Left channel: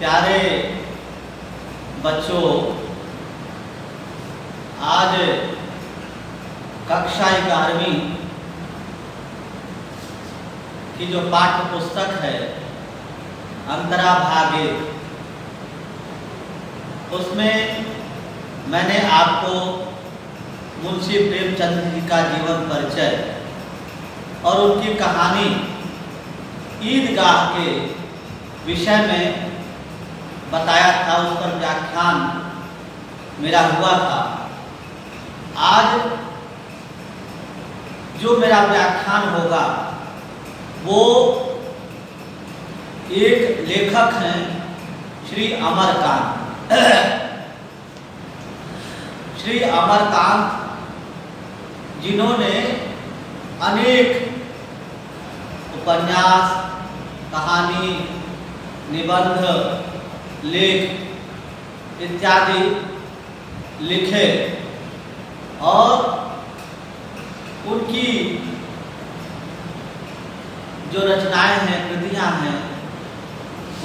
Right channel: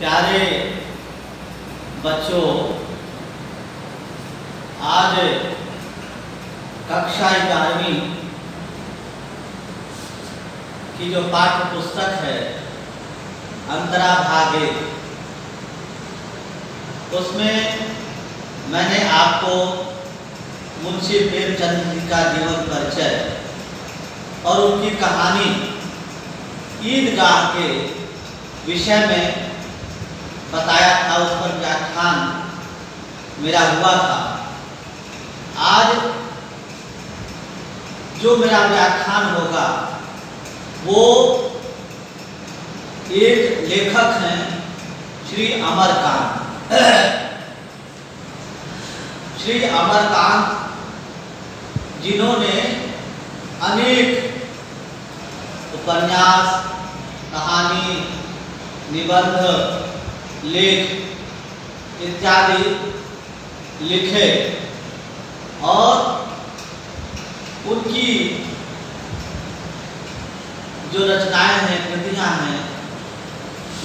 प्यारे बच्चों, आज कक्षा 11वीं की जो पाठ्य पुस्तक है अंतरा भाग 1, उसमें मैंने आपको मुंशी प्रेमचंद जी का जीवन परिचय और उनकी कहानी ईदगाह के विषय में बताया था। उस पर व्याख्यान मेरा हुआ था। आज जो मेरा व्याख्यान होगा वो एक लेखक हैं श्री अमरकांत। श्री अमरकांत जिन्होंने अनेक उपन्यास, कहानी, निबंध, लेख इत्यादि लिखे और उनकी जो रचनाएं हैं, कृतियां हैं,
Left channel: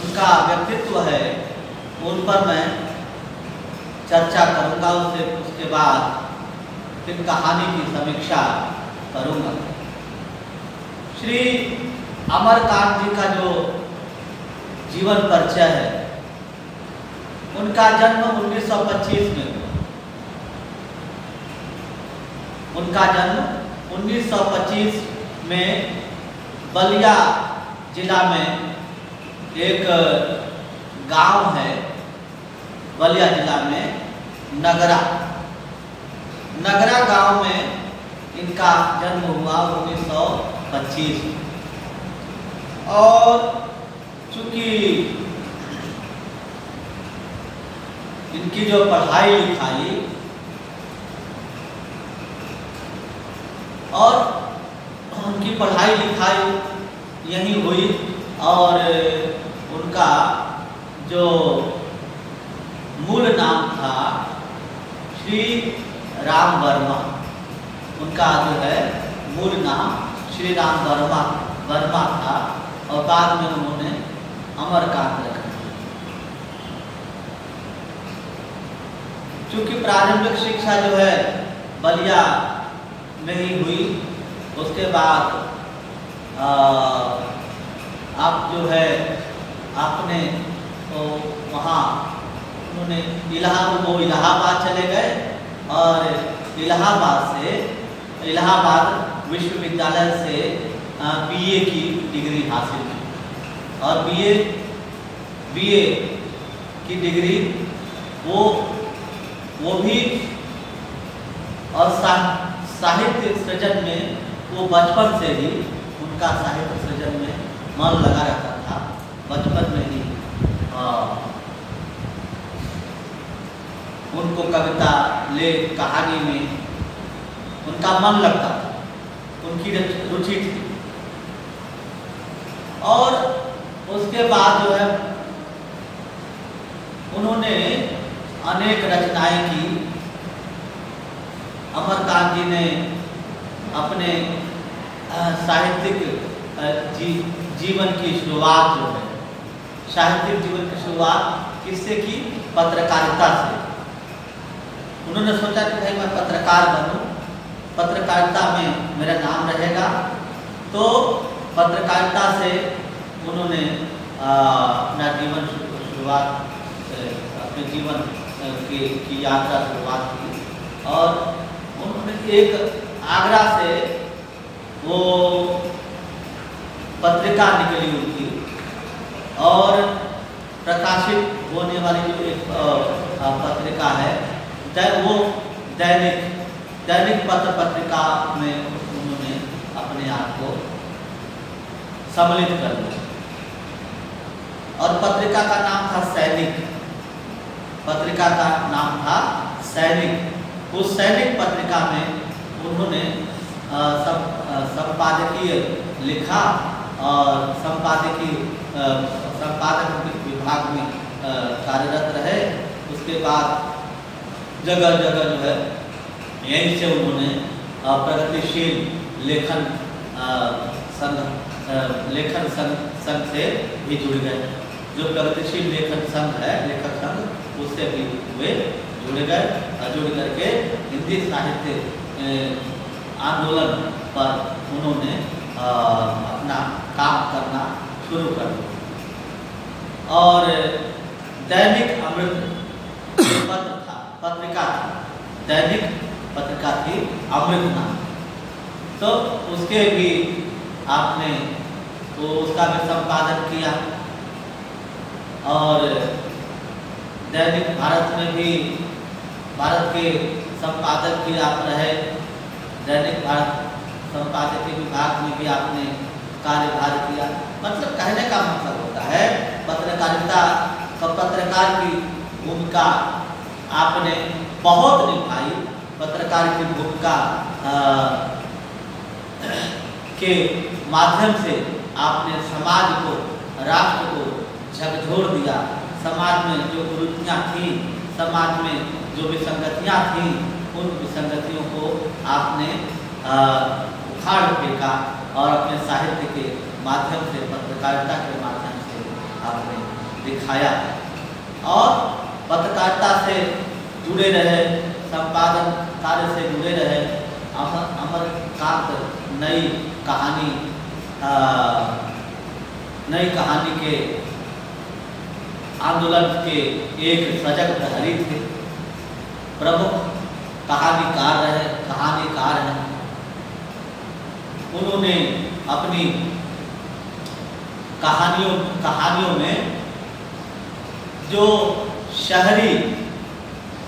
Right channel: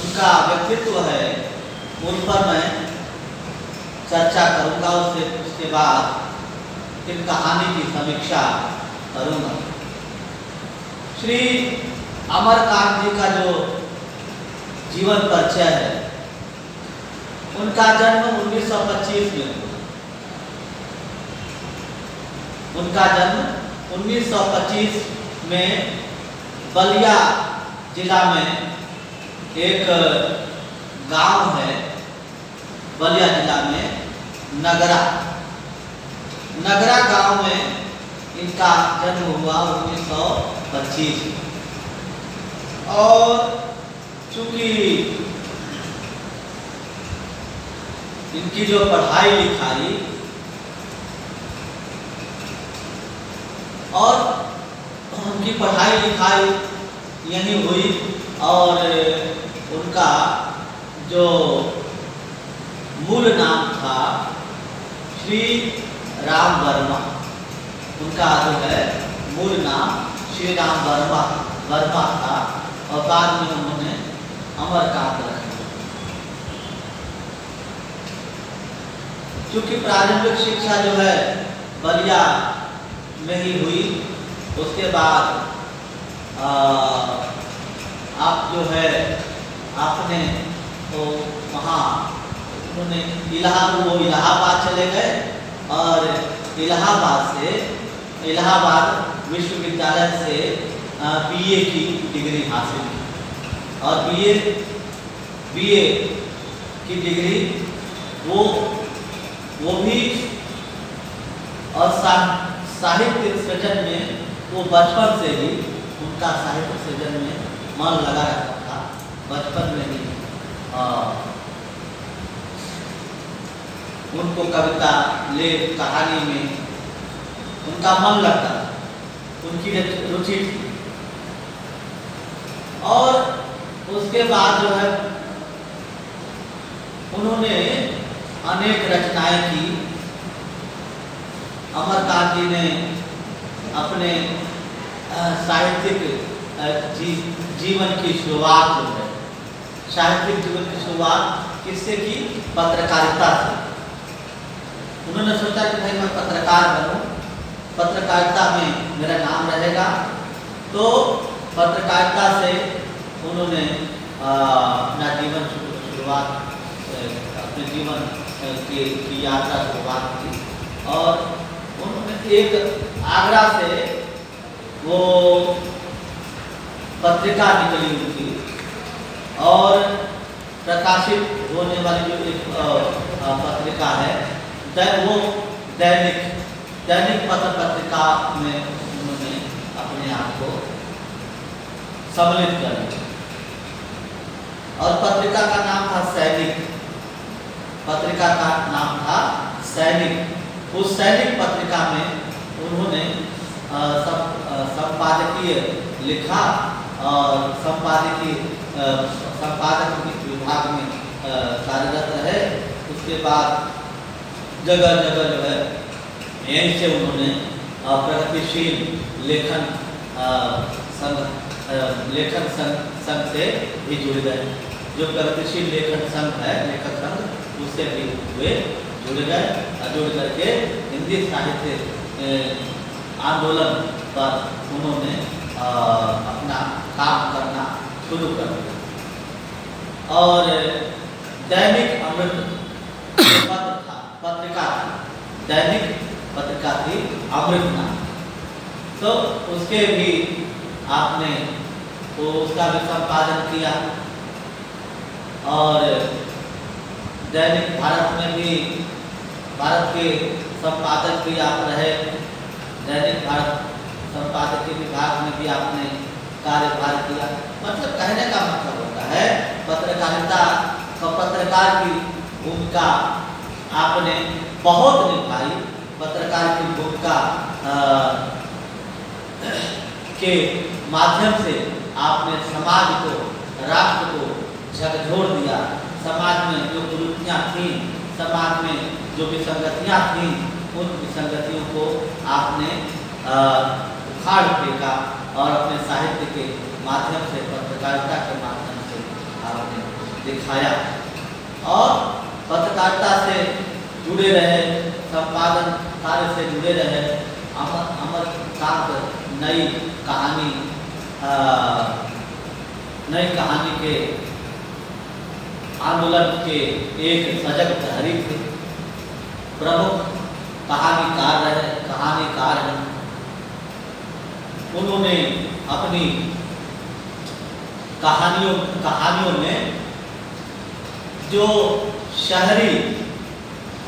उनका व्यक्तित्व है, उन पर मैं चर्चा करूंगा। उसके बाद फिर कहानी की समीक्षा करूंगा। श्री अमरकांत जी का जो जीवन परिचय है, उनका जन्म 1925 में हुआ। उनका जन्म 1925 में बलिया जिला में एक गांव है, बलिया जिला में नगरा गांव में इनका जन्म हुआ 1925 में। और चूंकि इनकी जो पढ़ाई लिखाई और उनकी पढ़ाई लिखाई यहीं हुई और उनका जो मूल नाम था श्री राम वर्मा, उनका जो है मूल नाम श्री राम वर्मा था और बाद में उन्होंने अमरकांत रखा। चूंकि प्रारंभिक शिक्षा जो है बलिया में ही हुई, उसके बाद आप जो है आपने तो वहाँ उन्होंने इलाहाबाद चले गए और इलाहाबाद विश्वविद्यालय से बीए की डिग्री हासिल की और बीए की डिग्री वो भी और साहित्य सृजन में वो बचपन से ही उनका साहित्य सृजन में मन लगा रखा था। बचपन में ही उनको कविता, लेख, कहानी में उनका मन लगता था, उनकी रुचि थी। और उसके बाद जो है उन्होंने अनेक रचनाएं की। अमरकांत जी ने अपने साहित्यिक जीवन की शुरुआत जो है, साहित्यिक जीवन की शुरुआत किससे की? पत्रकारिता से। उन्होंने सोचा कि भाई मैं पत्रकार बनूं, पत्रकारिता में मेरा नाम रहेगा। तो पत्रकारिता से उन्होंने अपना जीवन शुरुआत, अपने जीवन की यात्रा शुरुआत की और उन्होंने एक आगरा से वो पत्रिका निकली उनकी और प्रकाशित होने वाली जो एक पत्रिका है, वो दैनिक पत्रिका में उन्होंने अपने आप को सम्मिलित कर दिया और पत्रिका का नाम था सैनिक। पत्रिका का नाम था सैनिक। उस सैनिक पत्रिका में उन्होंने संपादकीय लिखा और संपादक विभाग में कार्यरत रहे। उसके बाद जगह जगह जो है यहीं से उन्होंने प्रगतिशील लेखन संघ से भी जुड़ गए जो प्रगतिशील लेखक संघ उससे भी वे जुड़ गए और जुड़ करके हिंदी साहित्य आंदोलन पर उन्होंने अपना काम करना शुरू कर दिया। और दैनिक अमृत पत्रिका थी, दैनिक पत्रिका थी अमृत नाम। तो उसके भी आपने उसका भी संपादन किया। और दैनिक भारत में भी भारत के संपादक भी आप रहे। दैनिक भारत संपादकीय विभाग में भी आपने कार्यभार किया। मतलब कहने का मतलब होता है पत्रकारिता का पत्रकार की भूमिका आपने बहुत निभाई। पत्रकार की भूमिका के माध्यम से आपने समाज को, राष्ट्र को झकझोर दिया। समाज में जो कुरीतियाँ थीं, समाज में जो विसंगतियाँ थीं, उन विसंगतियों को आपने उखाड़ फेंका और अपने साहित्य के माध्यम से, पत्रकारिता के माध्यम से आपने दिखाया। और पत्रकारिता से जुड़े रहे, संपादन कार्य से जुड़े रहे। अमरकांत नई कहानी के आंदोलन के एक सजग प्रहरी थे, प्रमुख कहानीकार हैं। उन्होंने अपनी कहानियों में जो शहरी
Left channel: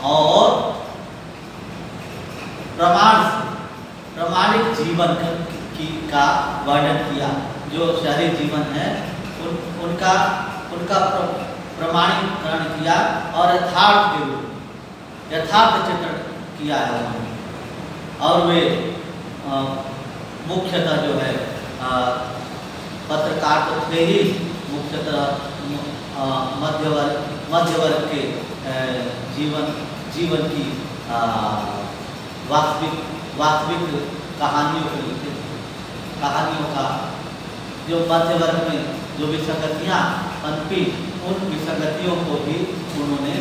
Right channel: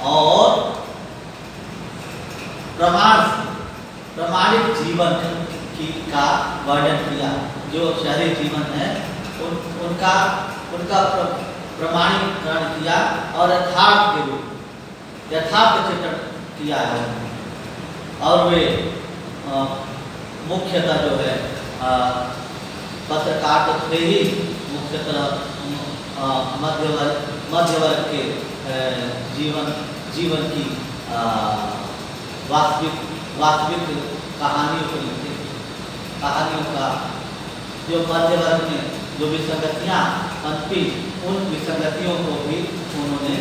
और प्रमाणिक जीवन का वर्णन किया। जो शहरी जीवन है उनका प्रमाणीकरण किया और यथार्थ चित्रण किया है। और वे मुख्यतः जो है पत्रकार तो थे ही, मुख्यतः मध्य वर्ग के जीवन की वास्तविक कहानियों को लिखते थे। कहानियों का जो मध्य वर्ग में जो विसंगतियाँ पनपी, उन विसंगतियों को भी उन्होंने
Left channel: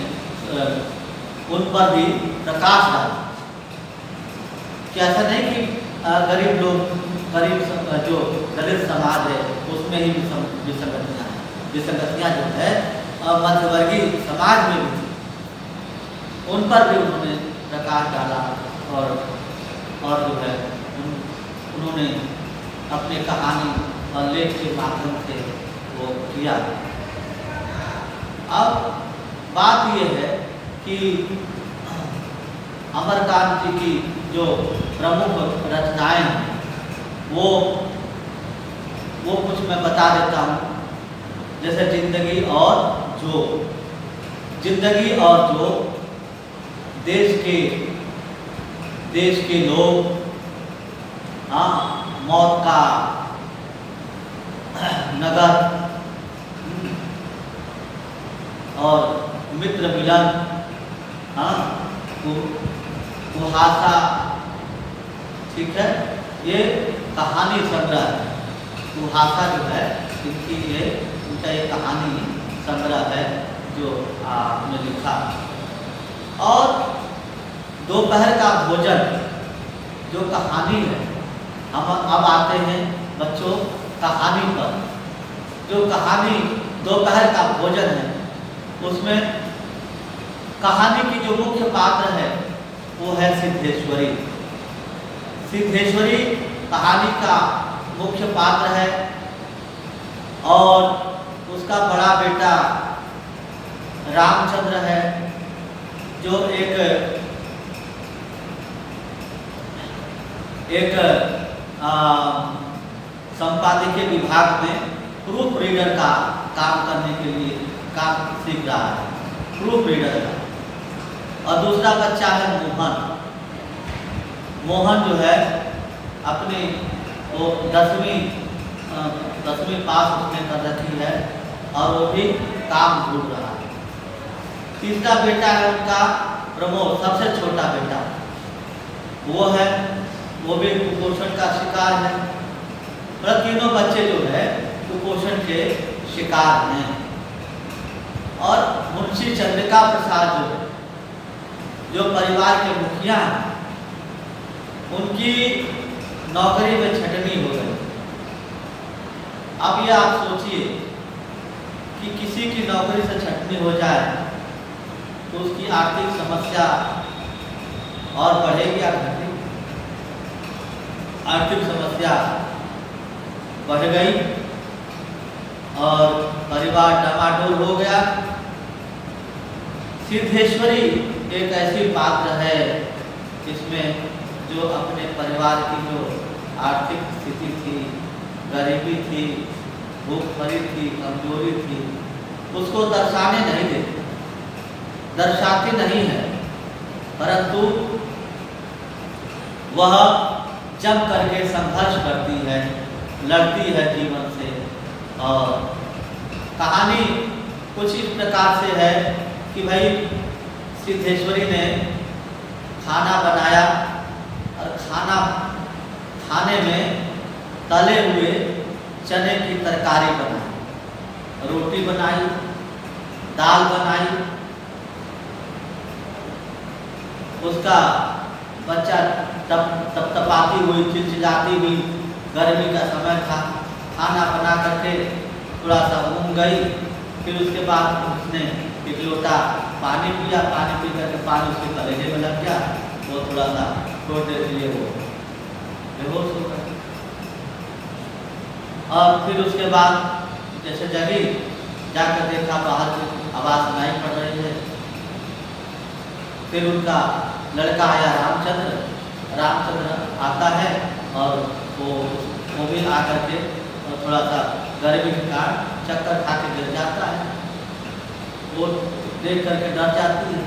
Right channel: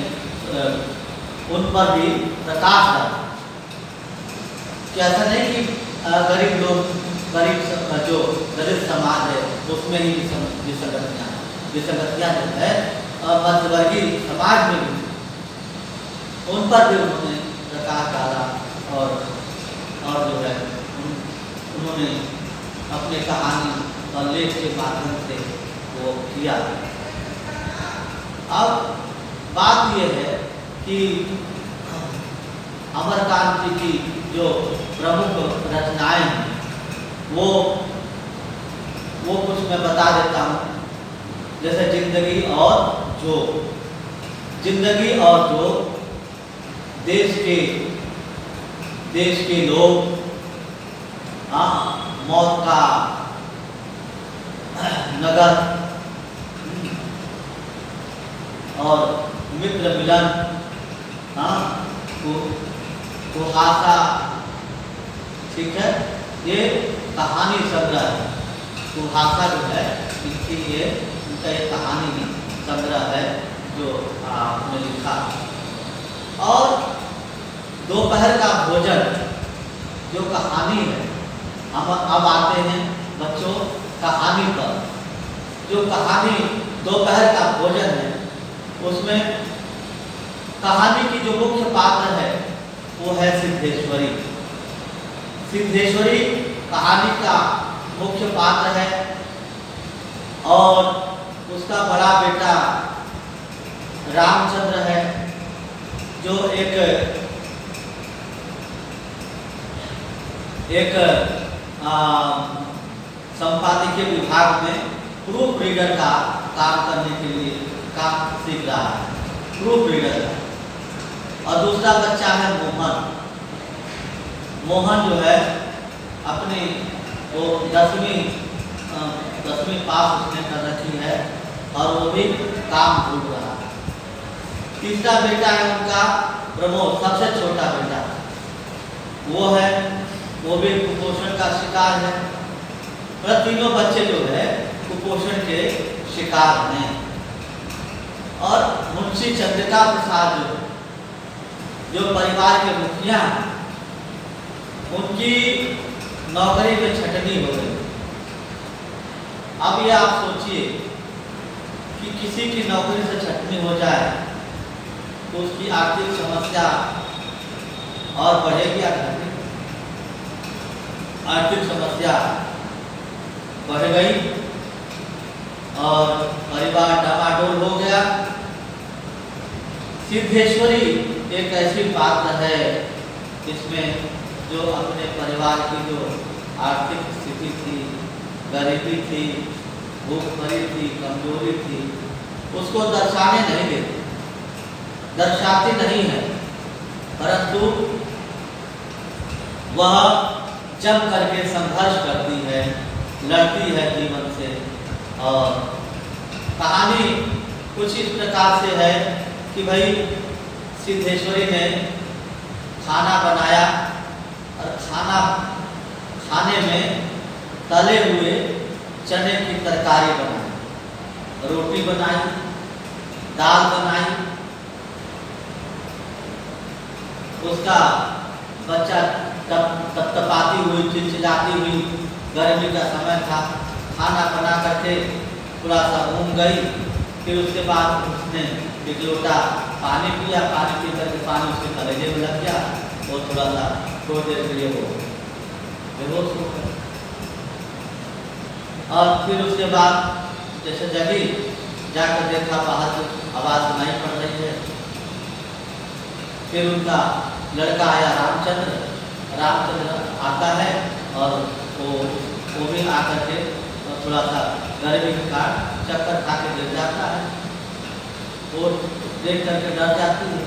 उन पर भी प्रकाश डाला। कि ऐसा नहीं कि गरीब जो दलित समाज है उसमें ही विसंगतियाँ हैं। विसंगतियाँ जो है मध्यवर्गीय समाज में भी, उन पर भी उन्होंने प्रकाश डाला। और जो है उन्होंने अपने कहानी और लेख के माध्यम से वो किया। अब बात ये है कि अमरकांत जी की जो प्रमुख रचनाएं हैं वो कुछ मैं बता देता हूँ। जैसे जिंदगी और जो देश के लोग, मौत का नगर और मित्र मिलन, कुहासा, ठीक है, ये कहानी संग्रह है। कुहासा जो है इनका ये कहानी संग्रह है जो आपने लिखा। और दोपहर का भोजन जो कहानी है, हम अब आते हैं बच्चों कहानी पर। जो कहानी दोपहर का भोजन है, उसमें कहानी की जो मुख्य पात्र है वो है सिद्धेश्वरी। सिद्धेश्वरी कहानी का मुख्य पात्र है और उसका बड़ा बेटा रामचंद्र है, जो एक संपादकीय विभाग में प्रूफ रीडर का काम करने के लिए काम सीख रहा है, प्रूफ रीडर का। और दूसरा बच्चा है मोहन जो है अपने वो 10वीं पास उसने कर रखी है और वो भी काम ढूंढ रहा है। तीसरा बेटा है उनका प्रमोद, सबसे छोटा बेटा, वो भी कुपोषण का शिकार है। मतलब तीनों बच्चे जो है कुपोषण के शिकार हैं। और मुंशी चंद्रिका प्रसाद जो परिवार के मुखिया हैं, उनकी नौकरी में छटनी हो गई। अब ये आप सोचिए कि किसी की नौकरी से छटनी हो जाए तो उसकी आर्थिक समस्या और बढ़ेगी या घटेगी? आर्थिक समस्या बढ़ गई और परिवार डामाडोल हो गया। सिद्धेश्वरी एक ऐसी पात्र है इसमें जो अपने परिवार की जो आर्थिक स्थिति थी, गरीबी थी, भूखमरी थी, कमजोरी थी, उसको दर्शाने नहीं देती, दर्शाती नहीं है, परंतु वह जम करके संघर्ष करती है, लड़ती है जीवन से। और कहानी कुछ इस प्रकार से है कि भाई सिद्धेश्वरी ने खाना बनाया और खाने में तले हुए चने की तरकारी बनाई, रोटी बनाई, दाल बनाई। उसका बच्चा तपतपाती हुई, चिलचिलाती हुई, गर्मी का समय था, खाना बना करके थोड़ा सा घूम गई। फिर उसके बाद उसने एक लोटा पानी पिया, पानी पी करके पानी उसके कलेजे में लग गया, वो थोड़ा सा थोड़ी देर के लिए वो बेहोश हो गया। और फिर उसके बाद जैसे जगी, जाकर देखा बाहर से आवाज़ सुनाई पड़ रही है। फिर उनका लड़का आया रामचंद्र आता है और वो भी आकर के थोड़ा सा गर्मी के कारण चक्कर खा के गिर जाता है। वो देख करके डर जाती है,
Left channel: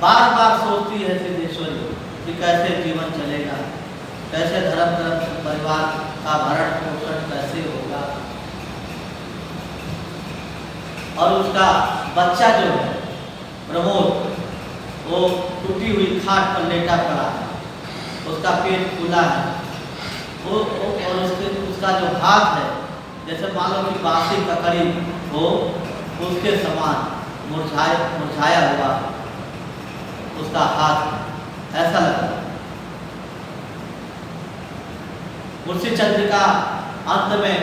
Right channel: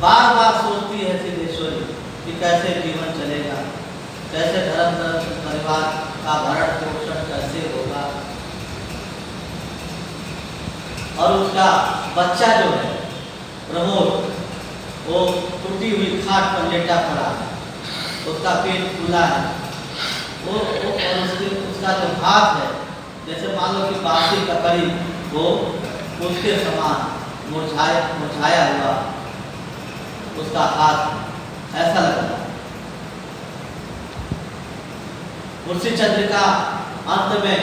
बार बार सोचती है सिद्धेश्वरी कि कैसे जीवन चलेगा, कैसे धर्म परिवार का भरण पोषण कैसे होगा। और उसका बच्चा जो है प्रमोद, वो टूटी हुई खाट पर लेटा पड़ा है, उसका पेट फूला है, वो और उसका जो हाथ है जैसे मान लो कि बासी ककड़ी हो, उसके समान मुरझाया हुआ उसका हाथ ऐसा लगता। मुंशी चंद्रिका अंत में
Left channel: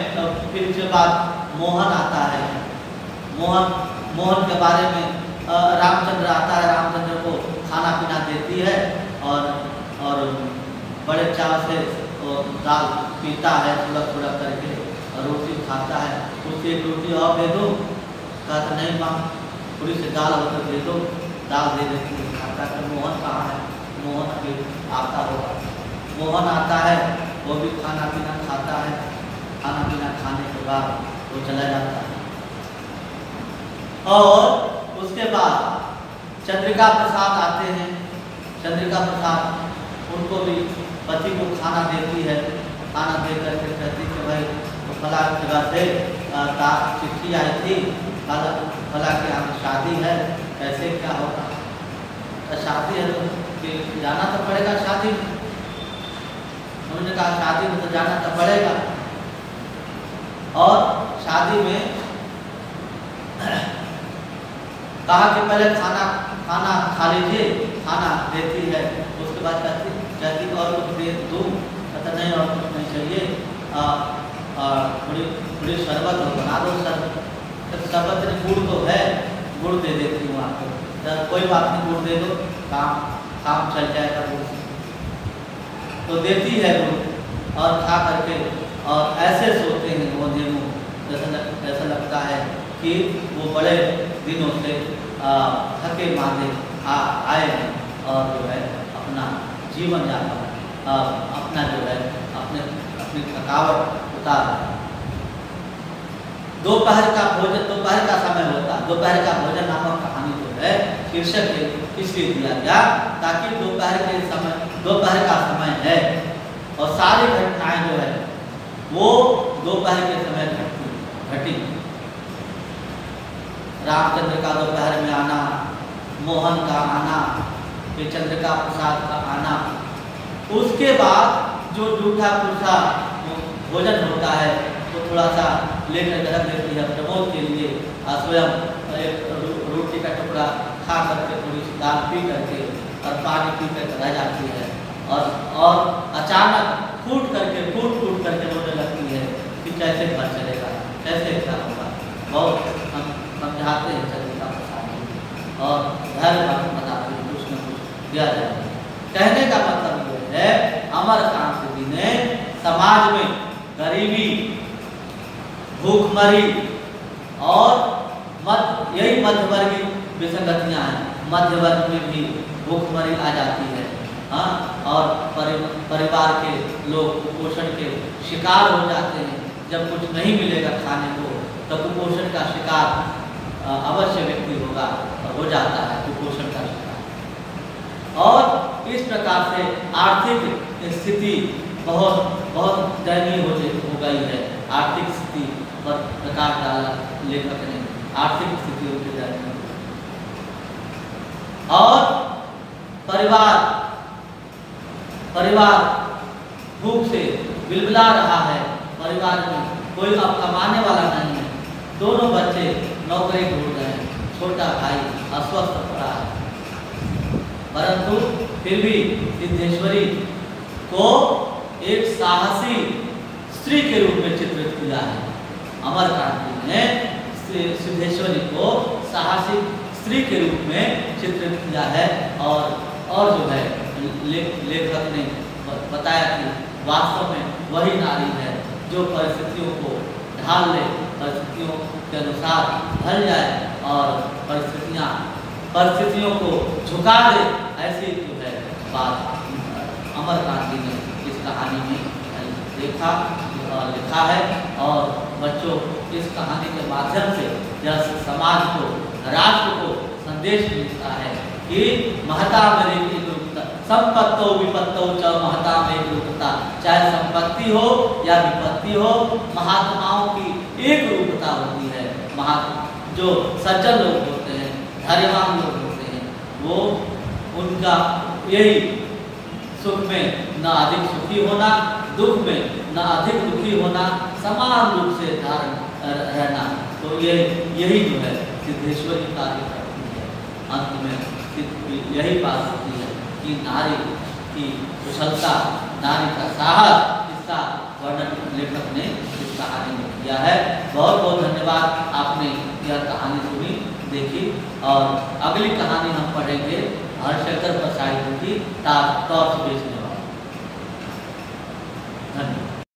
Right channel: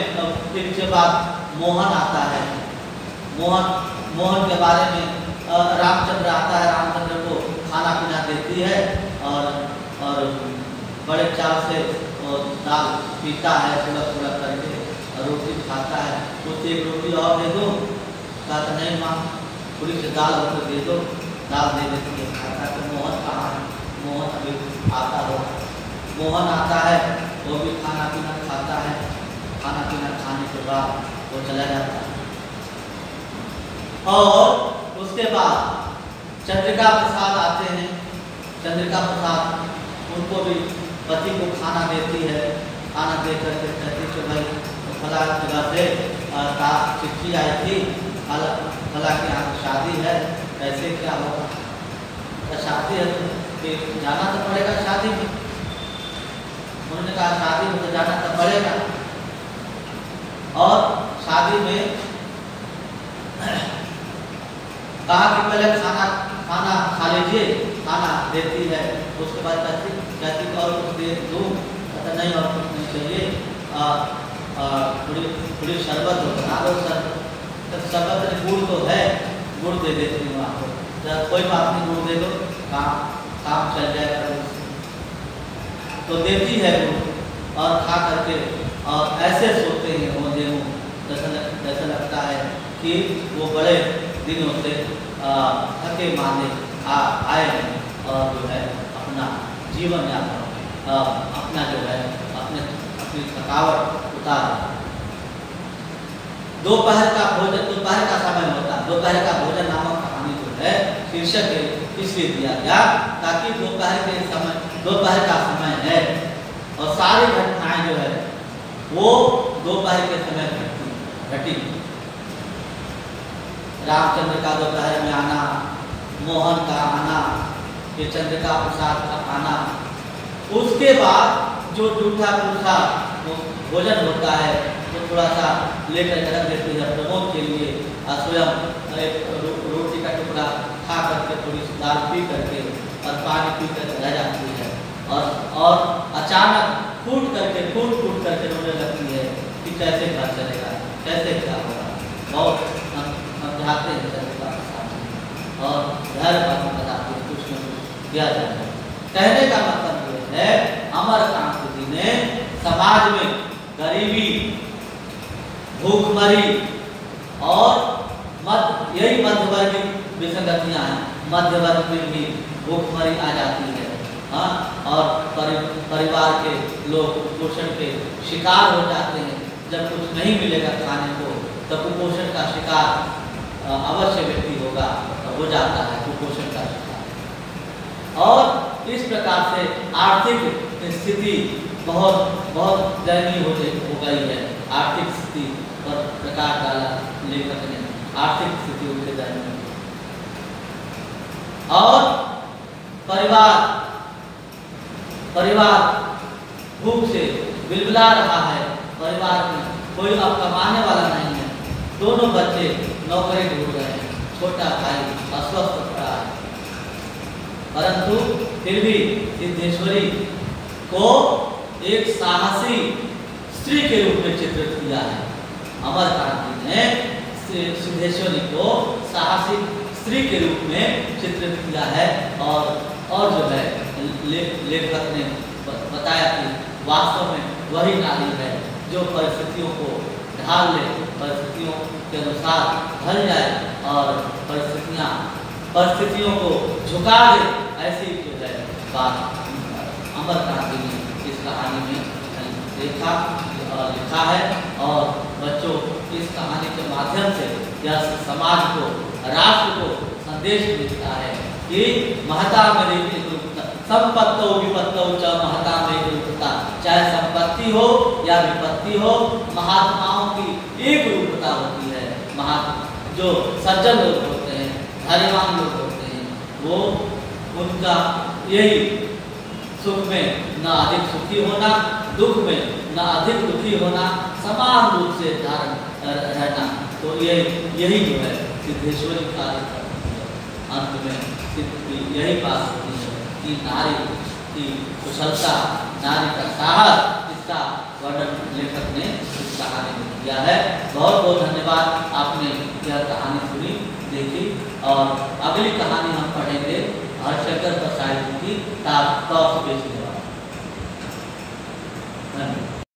फिर के बाद मोहन आता है। मोहन के बारे में रामचंद्र आता है, रामचंद्र को खाना पीना देती है और बड़े चाव से वो दाल पीता है, थोड़ा करके और रोटी खाता है। उससे एक रोटी और दे दो, कहता नहीं माँ, थोड़ी सी दाल होकर दे दो, दाल दे देती है, खाता है। तो मोहन कहाँ है? मोहन अभी आता होगा। मोहन आता है, वो भी खाना पीना खाता है। खाना पीना खाने के बाद वो चला जाता है। और उसके बाद चंद्रिका प्रसाद आते हैं। चंद्रिका प्रसाद उनको भी पति को खाना देती है। खाना दे करके कहती कि भाई फला जगह से चिट्ठी आई थी, फला के यहाँ शादी है, कैसे क्या होगा? तो शादी है तो फिर जाना तो पड़ेगा शादी में। उन्होंने कहा शादी में तो जाना तो पड़ेगा। और शादी में कहा कि पहले खाना खा लीजिए, खाना देती है। उसके बाद कहती और कुछ दे दूँ? कहता नहीं और कुछ नहीं चाहिए, थोड़ी शरबत हो, बना दो शरबत। शरबत में गुड़ तो है, गुड़ दे देती हूँ आपको। तो कोई बात नहीं, गुड़ दे दो, काम चल जाएगा गुड़ से। तो देती है गुड़ और खा करके और ऐसे सोते हैं वो दोनों, जैसा लगता है कि वो बड़े दिनों से थके मांदे आए हैं और जो है अपना जीवन यापन अपना जो है अपनी थकावट उतार रहे हैं। दोपहर का भोजन, दोपहर का समय होता है। दोपहर का भोजन नामक कहानी जो है शीर्षक इसलिए दिया गया ताकि दोपहर का समय है और सारी घटनाएं जो है वो दोपहर के समय घटी। रामचंद्र का दोपहर में आना, मोहन का आना, फिर चंद्रिका प्रसाद का आना, उसके बाद जो जूठा पुरसा भोजन होता है वो थोड़ा सा लेकर के रख देती है प्रमोद के लिए, और स्वयं एक रोटी का टुकड़ा खा करके थोड़ी सी दाल पी करके और पानी पी कर रह जाती है, और अचानक फूट करके रोने लगती है कि कैसे घर चलेगा, कैसे क्या होगा। बहुत समझाते हैं चलेगा प्रसाद और घर पर बताते हैं कुछ न कुछ दिया जाए। कहने का मतलब ये है अमरकांत जी ने समाज में गरीबी, भूखमरी और यही मध्यवर्गीय विसंगतियां हैं। मध्य वर्ग में भी भूखमरी आ जाती है, हाँ, और परिवार के लोग कुपोषण के शिकार हो जाते हैं। जब कुछ नहीं मिलेगा खाने को तो कुपोषण का शिकार अवश्य व्यक्ति हो जाता है, कुपोषण का शिकार। और इस प्रकार से आर्थिक स्थिति बहुत दयनीय हो गई है। आर्थिक स्थिति पर प्रकाश डाला लेखक ने, आर्थिक स्थिति उनके दयनीय, और परिवार भूख से बिलबिला रहा है। परिवार में कोई अब कमाने वाला नहीं है, दोनों बच्चे नौकरी ढूंढ रहे हैं, छोटा भाई अस्वस्थ पड़ा है, परंतु फिर भी सिद्धेश्वरी को एक साहसी स्त्री के रूप में चित्रित किया है। अमरकांत जी ने सिद्धेश्वरी को साहसी स्त्री के रूप में चित्रित किया है, और जो है लेखक ने बताया कि वास्तव में वही नारी है जो परिस्थितियों को ढाल ले, परिस्थितियों के अनुसार ढल जाए और परिस्थितियों को झुका दे। ऐसी जो है बात अमरकांत जी ने इस कहानी में लिखा है, और बच्चों इस कहानी के माध्यम से यह समाज को, राष्ट्र को संदेश मिलता है कि महता में संपत्तो विपत्तो च महता में रूपता। चाहे संपत्ति हो या विपत्ति हो, महात्माओं की एक रूपता होती है। जो सज्जन लोग होते हैं, धैर्यवान लोग होते हैं, वो उनका यही सुख में न अधिक सुखी होना, दुख में न अधिक दुखी होना, समान रूप से धारण रहना। तो यही जो है सिद्धेश्वरी कार्य करती है। अंत में यही बात होती है कि नारी की कुशलता, नारी का साहस, इसका वर्णन लेखक ने इस कहानी में किया है। बहुत बहुत धन्यवाद, आपने यह कहानी सुनी, देखी, और अगली कहानी हम पढ़ेंगे हरशंकर प्रसाद की ताश बेचने वाला। धन्यवाद।